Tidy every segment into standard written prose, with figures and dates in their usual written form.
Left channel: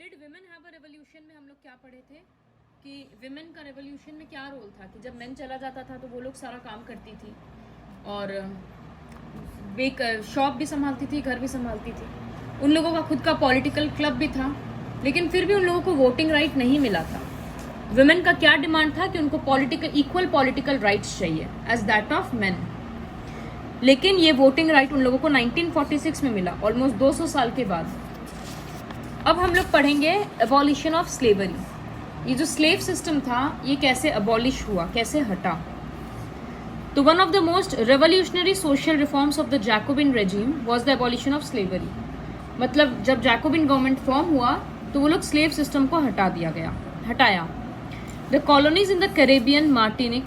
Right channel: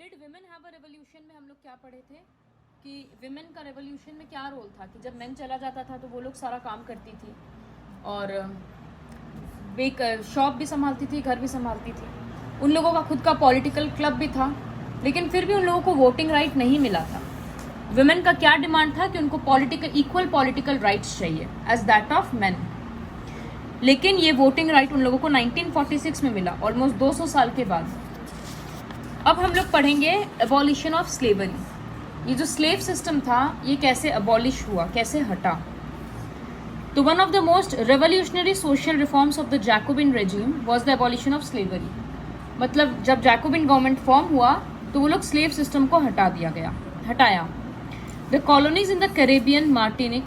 Did women have a revolution में हम लोग क्या पढ़े थे कि विमेन का रेवोल्यूशन में क्या रोल था कि जब मैन चला जाता था तो वो लोग सारा काम करती थी और शॉप भी संभालती थी, घर भी संभालती थी। उन लोगों का खुद का पॉलिटिकल क्लब भी था, लेकिन फिर भी उन लोगों को वोटिंग राइट नहीं मिला था। विमेन का क्या डिमांड था कि उनको इक्वल पॉलिटिकल राइट्स चाहिए एज दैट ऑफ मेन। लेकिन ये वोटिंग राइट उन लोगों को 1946 में मिला, ऑलमोस्ट 200 साल के बाद। अब हम लोग पढ़ेंगे एबॉलिशन ऑफ स्लेवरी। ये जो स्लेव सिस्टम था ये कैसे अबॉलिश हुआ, कैसे हटा। तो one of the most revolutionary social reforms of the Jacobian regime was the abolition of slavery. मतलब जब जैकोबिन गवर्नमेंट फॉर्म हुआ तो वो लोग स्लेव सिस्टम को हटाया। The colonies in the Caribbean, Martinique,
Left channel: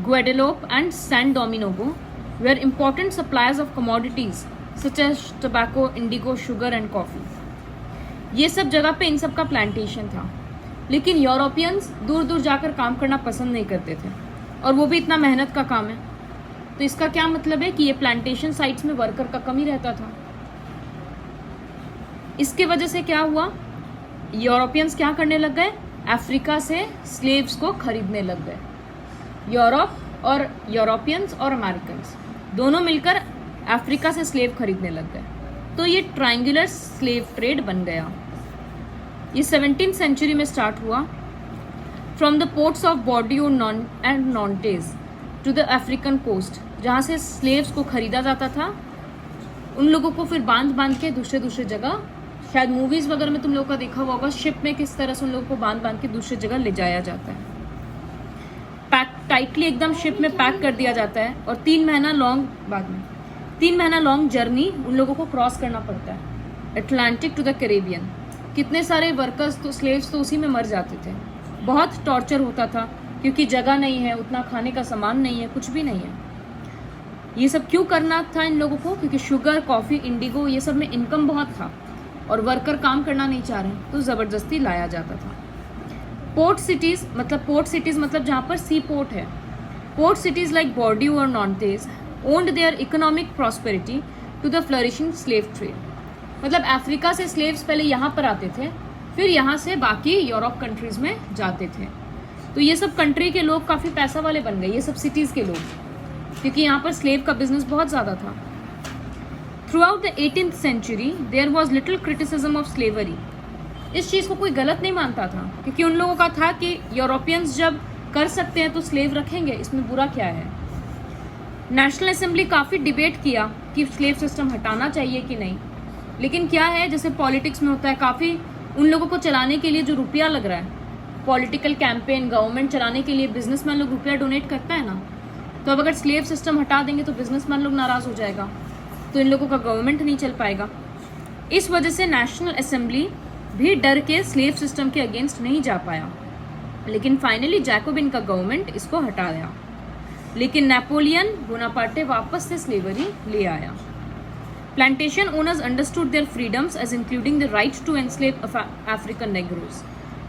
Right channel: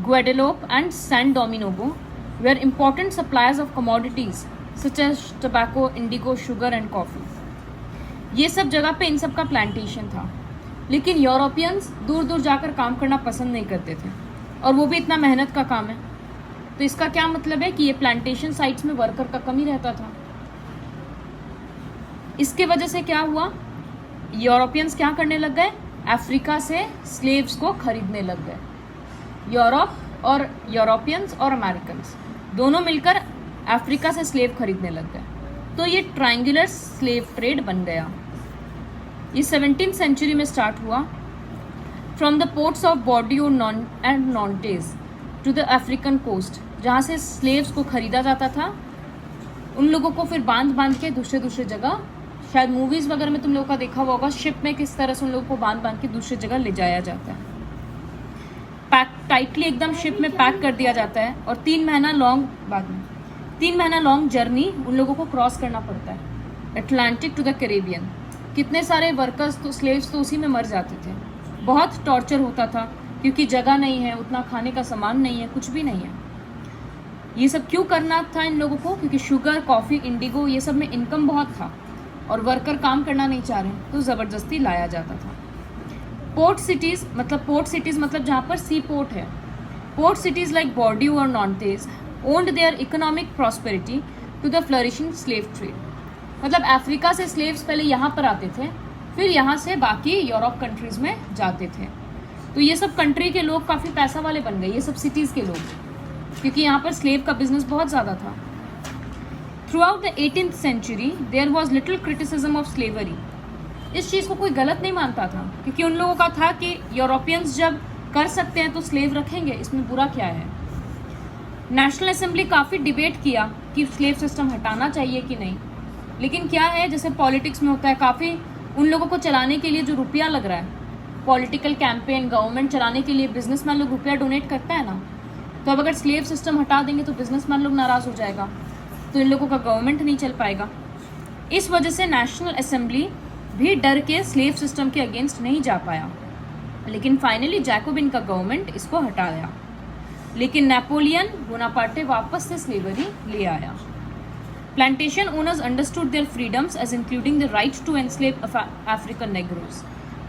Guadeloupe and San Domingo were important suppliers of commodities such as tobacco, indigo, sugar and coffee. ये सब जगह पे इन सब का प्लांटेशन था, लेकिन यूरोपियंस दूर दूर जाकर काम करना पसंद नहीं करते थे और वो भी इतना मेहनत का काम है। तो इसका क्या मतलब है कि ये प्लांटेशन साइट्स में वर्कर का कमी रहता था। इसके वजह से क्या हुआ, यूरोपियंस क्या करने लग गए, अफ्रीका से स्लेव्स को खरीदने लग गए। यूरोपियंस और अमेरिकन्स दोनों मिलकर अफ्रीका से स्लेव खरीदने लग गए। तो ये ट्रायंगुलर स्लेव ट्रेड बन गया। ये 17th सेंचुरी में स्टार्ट हुआ। From the ports of Bordeaux and Nantes to the African coast, जहाँ से स्लेव्स को खरीदा जाता था, उन लोगों को फिर बांध के दूसरे जगह, शायद मूवीज वगैरह में तुम लोगों का देखा हुआ होगा, शिप में किस तरह से उन लोगों को बांध के दूसरी जगह ले जाया जाता है। टाइटली एकदम शिप में पैक कर दिया जाता है और 3 महीना लॉन्ग जर्नी उन लोगों को क्रॉस करना पड़ता है, अटलांटिक टू द कैरेबियन। कितने सारे वर्कर्स तो स्लेव्स तो उसी में मर जाते थे। बहुत टॉर्चर होता था क्योंकि जगह नहीं है, उतना खाने का सामान नहीं है, कुछ भी नहीं है। ये सब क्यों करना था इन लोगों को, क्योंकि शुगर, कॉफी, इंडिगो ये सब में इनकम बहुत था और वर्कर काम करना नहीं चाह रहे, तो जबरदस्ती लाया जाता था। पोर्ट सिटीज मतलब जहाँ पर सी पोर्ट है। पोर्ट सिटीज लाइक बॉर्डियो और Nantes owned their economic prosperity to the flourishing slave trade. मतलब अफ्रीका से स्लेव्स पहले यहाँ पर आते थे, फिर यहाँ से बाकी यूरोप कंट्रीज में जाते थे। तो ये सब कंट्री के लोग काफी पैसा वाले बन गए, ये सब सिटीज के लोग, क्योंकि यहाँ पर स्लेव का बिजनेस बहुत ज्यादा था। Throughout the 18th century there was little criticism of slavery. इस चीज को कोई गलत नहीं मानता था, क्योंकि उन लोगों का था कि यूरोपियंस जब कर सकते हैं तो स्लेव रखेंगे, इसमें बुरा क्या है। नेशनल असेंबली काफी डिबेट किया कि स्लेव सिस्टम हटाना चाहिए कि नहीं, लेकिन क्या है, जैसे पॉलिटिक्स में होता है, काफी उन लोगों को चलाने के लिए जो रुपया लग रहा है, पॉलिटिकल कैंपेन, गवर्नमेंट चलाने के लिए बिजनेसमैन लोग रुपया डोनेट करता है ना, तो अब अगर स्लेव सिस्टम हटा देंगे तो बिजनेसमैन लोग नाराज हो जाएगा, तो इन लोगों का गवर्नमेंट नहीं चल पाएगा। इस वजह से नेशनल असेंबली भी डर के स्लेव सिस्टम के अगेंस्ट नहीं जा पाया, लेकिन फाइनली जैकोबिन का गवर्नमेंट इसको हटाया। लेकिन नेपोलियन बोनापार्टे वापस से स्लेवरी ले आया। Plantation owners understood their freedoms as including the right to enslave African negroes.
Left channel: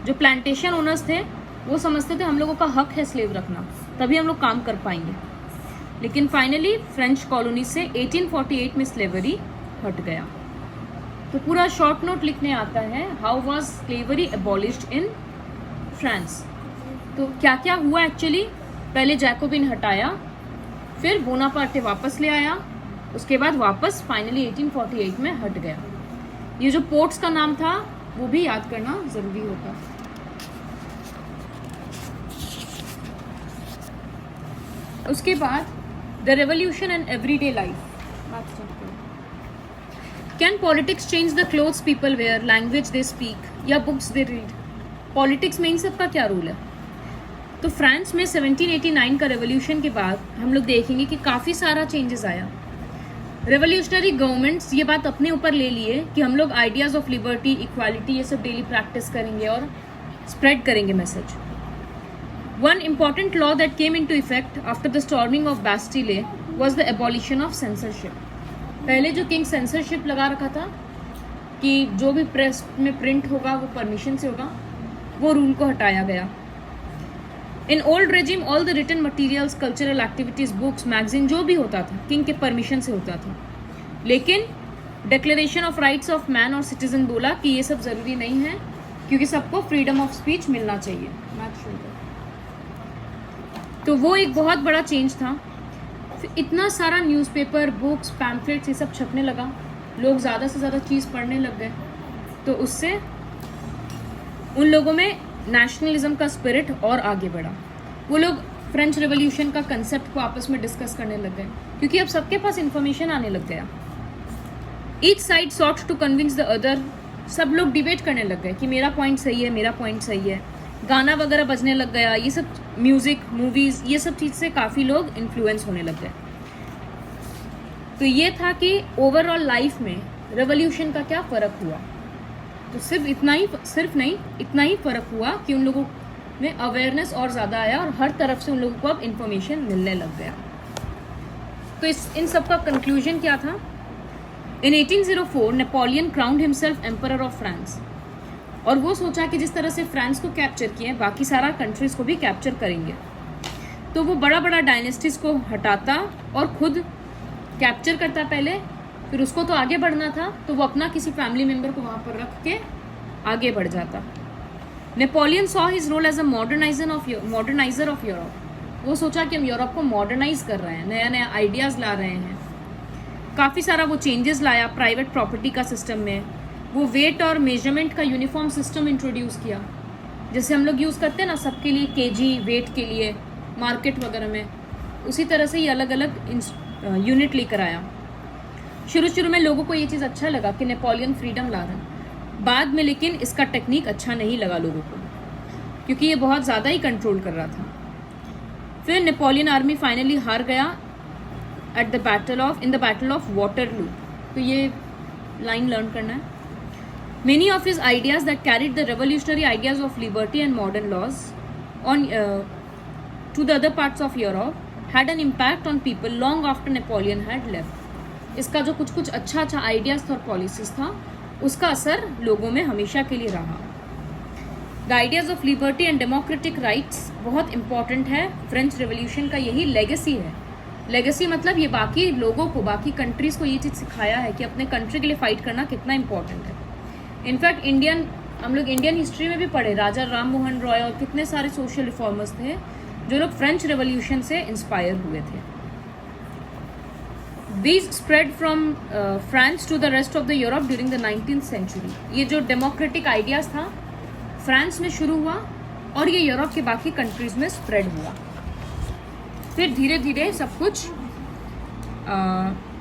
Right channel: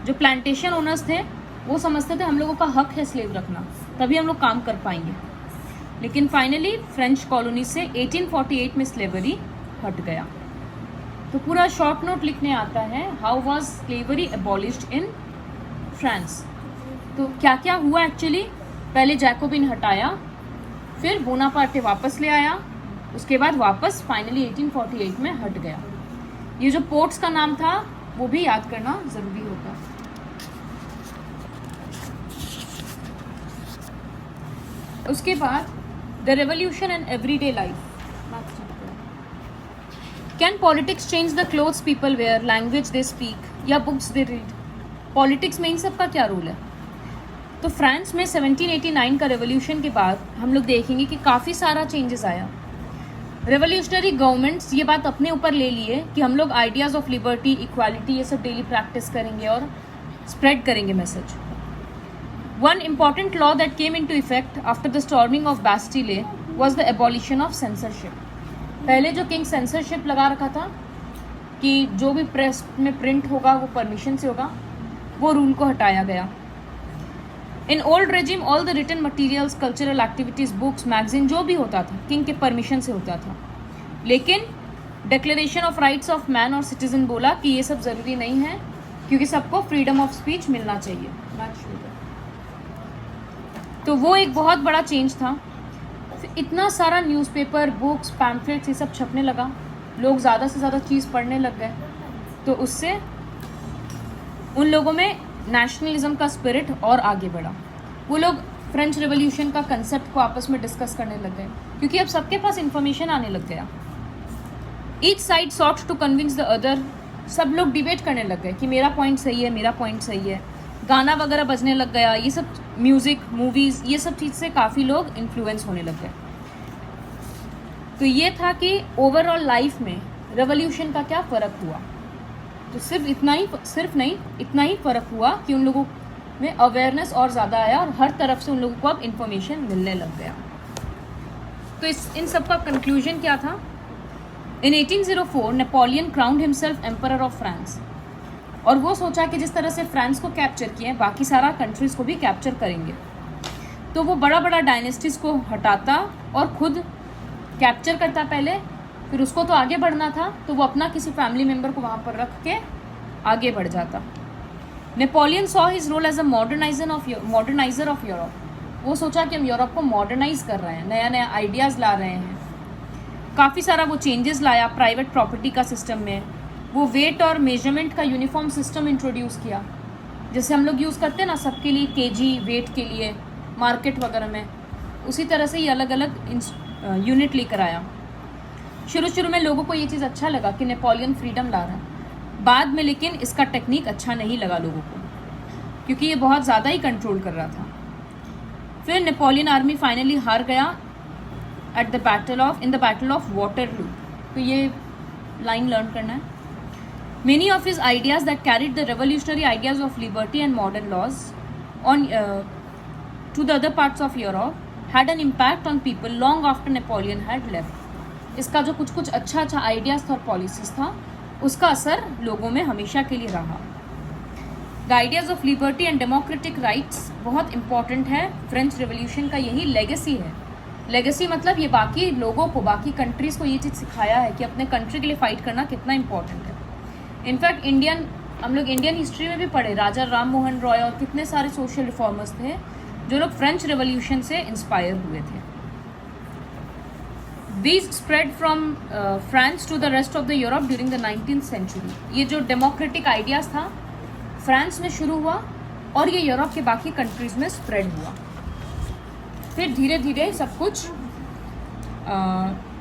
जो प्लांटेशन ओनर्स थे वो समझते थे हम लोगों का हक है स्लेव रखना, तभी हम लोग काम कर पाएंगे। लेकिन फाइनली फ्रेंच कॉलोनी से 1848 में स्लेवरी हट गया। तो पूरा शॉर्ट नोट लिखने आता है, how was slavery abolished in France. तो क्या क्या हुआ एक्चुअली, पहले जैकोबिन हटाया, फिर बोनापार्टे वापस ले आया, उसके बाद वापस फाइनली 1848 में हट गया। ये जो पोर्ट्स का नाम था वो भी याद करना जरूरी होता। उसके बाद the revolution and everyday life. Can politics change the clothes people wear, language they speak या बुक्स दे रीड। पॉलिटिक्स में इन सब का क्या रोल है। तो फ्रांस में 1789 का रेवोल्यूशन के बाद हम लोग देखेंगे कि काफी सारा चेंजेस आया। रेवोल्यूशनरी गवर्नमेंट्स ये बात अपने ऊपर ले लिए कि हम लोग आइडियाज ऑफ लिबर्टी, इक्वालिटी ये सब डेली प्रैक्टिस करेंगे और स्प्रेड करेंगे message. One important law that came into effect after the storming of Bastille was the abolition of censorship. पहले जो किंग सेंसरशिप लगा रखा था कि जो भी प्रेस में प्रिंट होगा वो परमिशन से होगा, वो रूल को हटाया गया। In old regime all the written materials, cultural activities, books, magazine जो भी होता था किंग के परमिशन से होता था। लेकिन declaration of rights of man और सिटीजन बोला कि ये सब जरूरी नहीं है, क्योंकि सबको फ्रीडम ऑफ स्पीच मिलना चाहिए। तो वो एक बहुत बड़ा चेंज था। फिर इतना सारा न्यूज़पेपर, बुक्स, पैम्फलेट्स ये सब छपने लगा, लोग ज़्यादा से ज़्यादा चीज़ पढ़ने लग गए, तो उससे उन लोगों में नेशनलिज्म का स्पिरिट और आगे बढ़ा। वो लोग फ्रेंच रेवोल्यूशन का कंसेप्ट को आपस में डिस्कस करने लग गए, क्योंकि अब सबके पास इंफॉर्मेशन आने लग गया। Each side sought to convince the other, सब लोग डिबेट करने लग गए कि मेरा पॉइंट सही है, मेरा पॉइंट सही है। गाना वगैरह बजने लग गया, ये सब म्यूजिक, मूवीज, ये सब चीज से काफी लोग इन्फ्लुएंस होने लग गए। तो ये था कि ओवरऑल लाइफ में रेवोल्यूशन का क्या फर्क हुआ। तो सिर्फ इतना ही फर्क हुआ कि उन लोगों में अवेयरनेस और ज्यादा आया और हर तरफ से उन लोगों को अब इंफॉर्मेशन मिलने लग गया। तो इन सब का कंक्लूजन क्या था? इन 1804 Napoleon crowned himself emperor of France, और वो सोचा कि जिस तरह से फ्रांस को कैप्चर किए बाकी सारा कंट्रीज को भी कैप्चर करेंगे। तो वो बड़ा बड़ा डायनेस्टीज को हटाता और खुद कैप्चर करता पहले, फिर उसको तो आगे बढ़ना था, तो वो अपना किसी फैमिली मेंबर को वहां पर रख के आगे बढ़ जाता। Napoleon saw his role as a moderniser of Europe. वो सोचा कि हम यूरोप को मॉडर्नाइज कर रहे हैं, नया नया आइडियाज ला रहे हैं। काफी सारा वो चेंजेस लाया प्राइवेट प्रॉपर्टी का सिस्टम में। वो वेट और मेजरमेंट का यूनिफॉर्म सिस्टम इंट्रोड्यूस किया, जैसे हम लोग यूज करते हैं ना सबके लिए केजी वेट के लिए मार्केट वगैरह में, उसी तरह से ये अलग अलग यूनिट लेकर आया। शुरू में लोगों को ये चीज़ अच्छा लगा कि नेपोलियन फ्रीडम ला रहा है, बाद में लेकिन इसका टेक्निक अच्छा नहीं लगा लोगों को, क्योंकि ये बहुत ज़्यादा ही कंट्रोल कर रहा था। फिर नेपोलियन आर्मी फाइनली हार गया in the battle of Waterloo. तो ये लाइन लर्न करना है। Many of his ideas that carried the revolutionary ideas of liberty and modern laws on to the other parts of Europe had an impact on people long after Napoleon had left. इसका जो कुछ अच्छा ideas था और policies था, उसका असर लोगों में हमेशा के लिए रहा। The ideas of liberty and democratic rights बहुत इंपॉर्टेंट है। फ्रेंच रेवोल्यूशन का यही लेगेसी है। लेगेसी मतलब ये बाकी लोगों को, बाकी कंट्रीज को ये चीज़ सिखाया है कि अपने कंट्री के लिए फाइट करना कितना इंपॉर्टेंट है। इनफैक्ट हम लोग इंडियन हिस्ट्री में भी पढ़े, राजा राम मोहन रॉय और कितने सारे सोशल रिफॉर्मर्स थे जो लोग फ्रेंच रेवोल्यूशन से इंस्पायर हुए थे। These spread from France to the rest of the Europe during the 19th century. ये जो डेमोक्रेटिक आइडियाज था फ्रांस में शुरू हुआ और ये यूरोप के बाकी कंट्रीज में स्प्रेड हुआ। फिर धीरे धीरे सब कुछ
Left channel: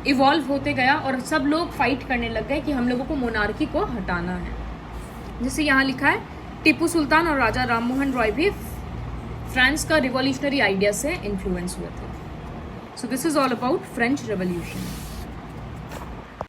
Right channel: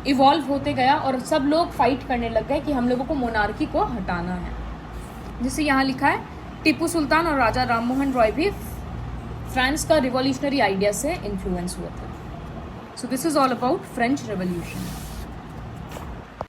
इवॉल्व होते गया और सब लोग फाइट करने लग गए कि हम लोगों को मोनार्की को हटाना है। जैसे यहाँ लिखा है, टीपू सुल्तान और राजा राम मोहन रॉय भी फ्रांस का रिवॉल्यूशनरी आइडिया से इन्फ्लुएंस हुए थे। So this is all about French revolution.